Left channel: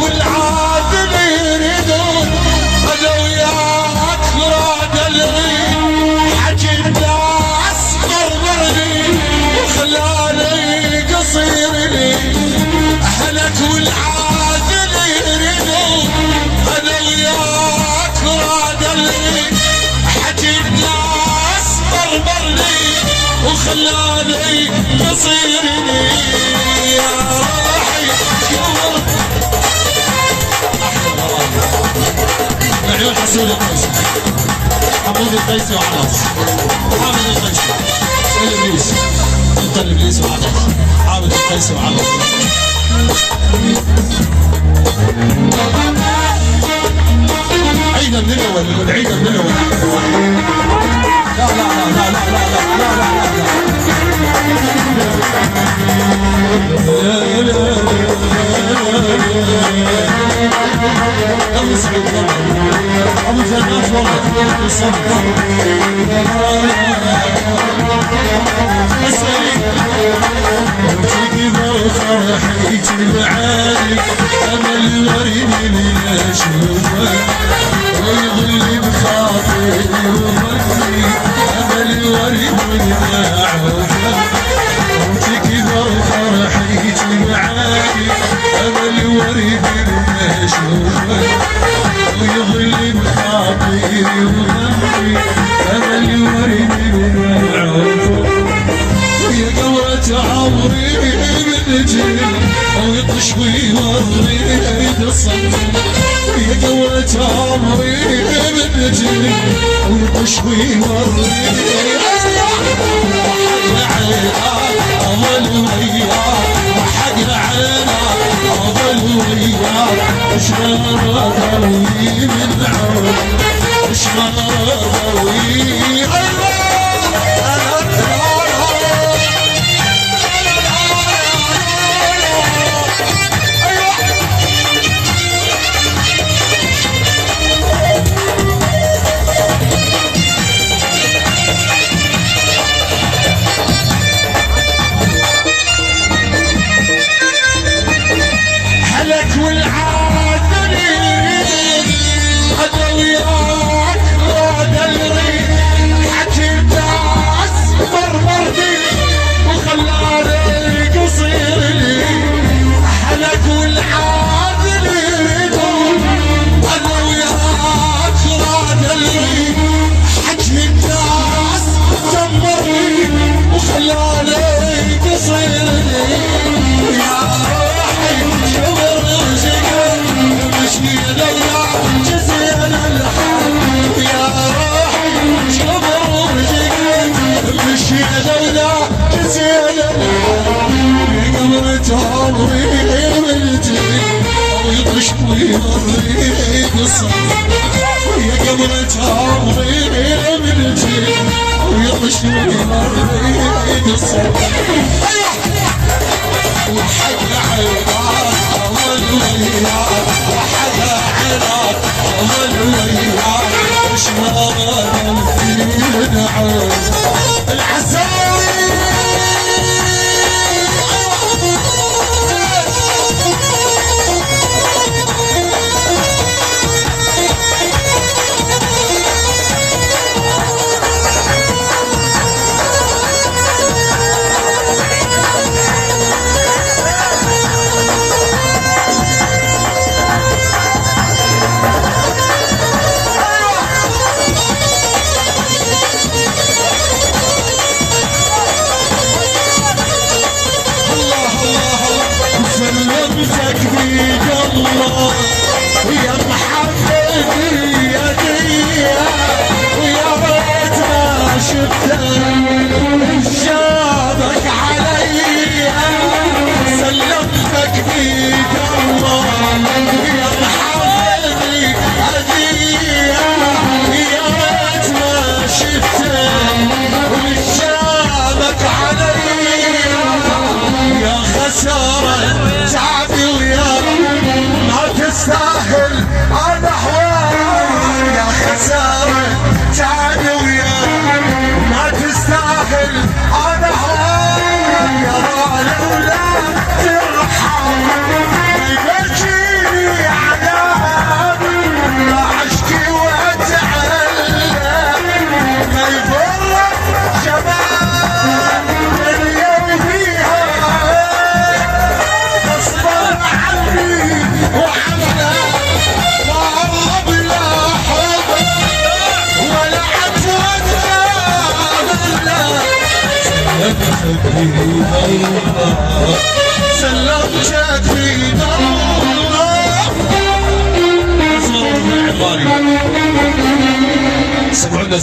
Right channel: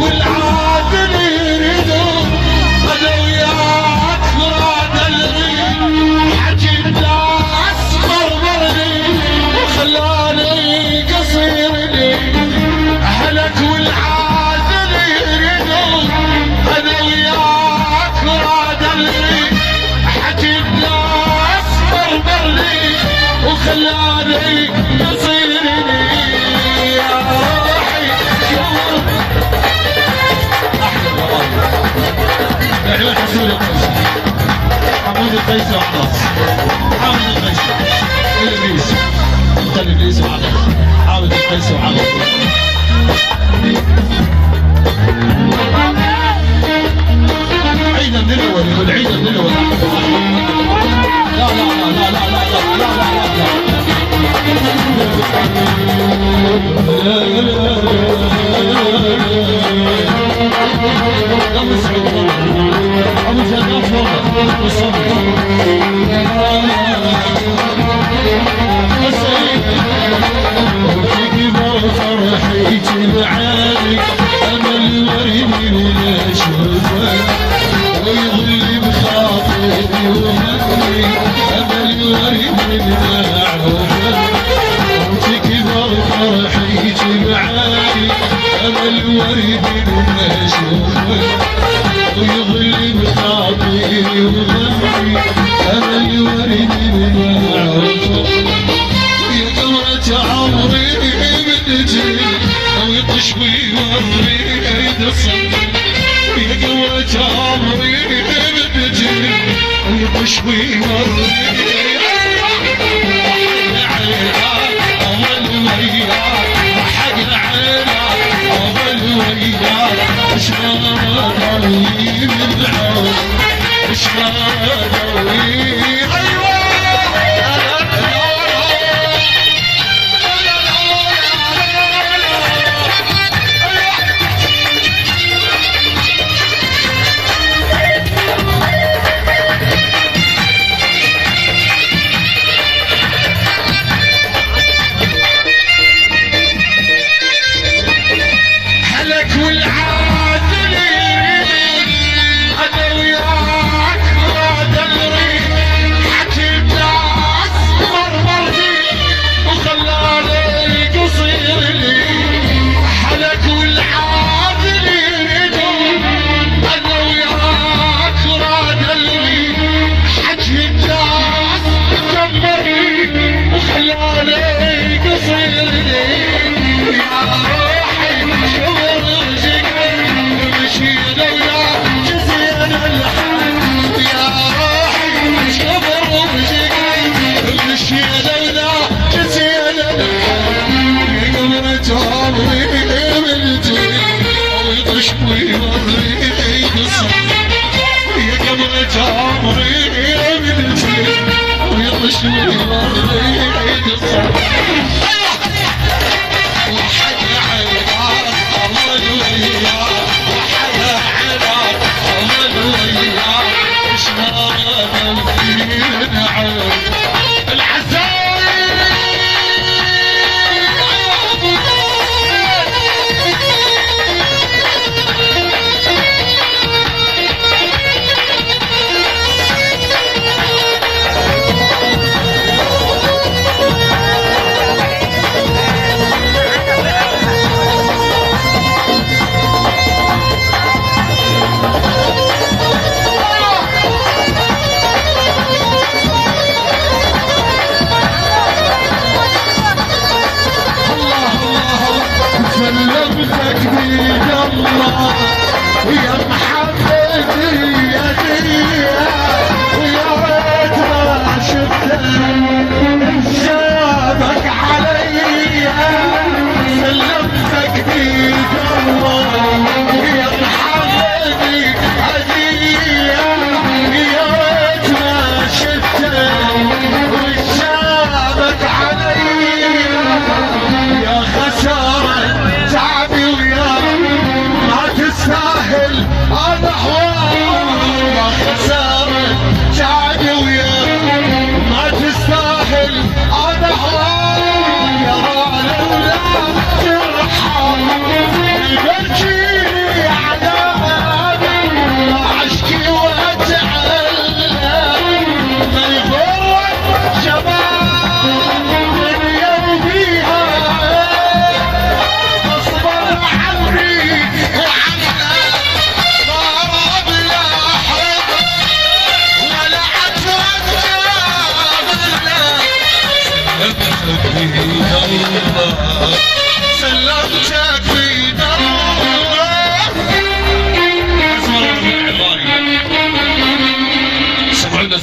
والعادل يريدون انا وياك مراد الغيب حكي الناس مرمرني وخلاني قصير لي اهلك والعادل يريدون انا وياك مراد الغيب حكي الناس مرمرني وخلاني قصير لي يا روحي عيون حسون القيسي حمود القيسي وعباس حامد القيسي والابليس انت الابليس وعباس حامد القيسي وعباس عيدا من الاول يقول عيدا من الاول لا لا لا لا لا لا لا لا لا أبو جنات والله تجيب فرحي تبعاني أمل وريني من أشوفه ويغلي بخاطري وهمي أمل وريني من أعوفه تجيب فرحي تبعاني أمل وريني من أشوفه ويظل بخاطري وهمي أمل وريني من أعوفه يا قمرة عمري بنجي أو يطشوي والريد الصدر يا قمرة عمري بنجي أو يطشوي والريد أظل وياك وحق عينك أظل وياك شلون أداوي من عود شلون أداوي والعادل يريد انا وياك مراد الغيب حكي الناس مرمرني وخلاني قصير لي حلك والعادل يريدون انا وياك مراد الغيب حكي الناس كمرني وخلاني قصير لي يا روحي ويطشوي والريد الصدر يا قمرة عمري بنجي ويطشوي والريد الصدر وحق عينك أمل وياك وحق عينك أمل وياك شلون من عود سلمتك بيد الله ويا محبتي يا دنيا ويا ريت ما شفتك شافك علي سلمتك بيد الله ويا محبتي هدية يا ريت ما شفتك شافك علي يا خسارة تعبي ويا ما تستاهل بيد الله سلمتك بيد الله. سمعونا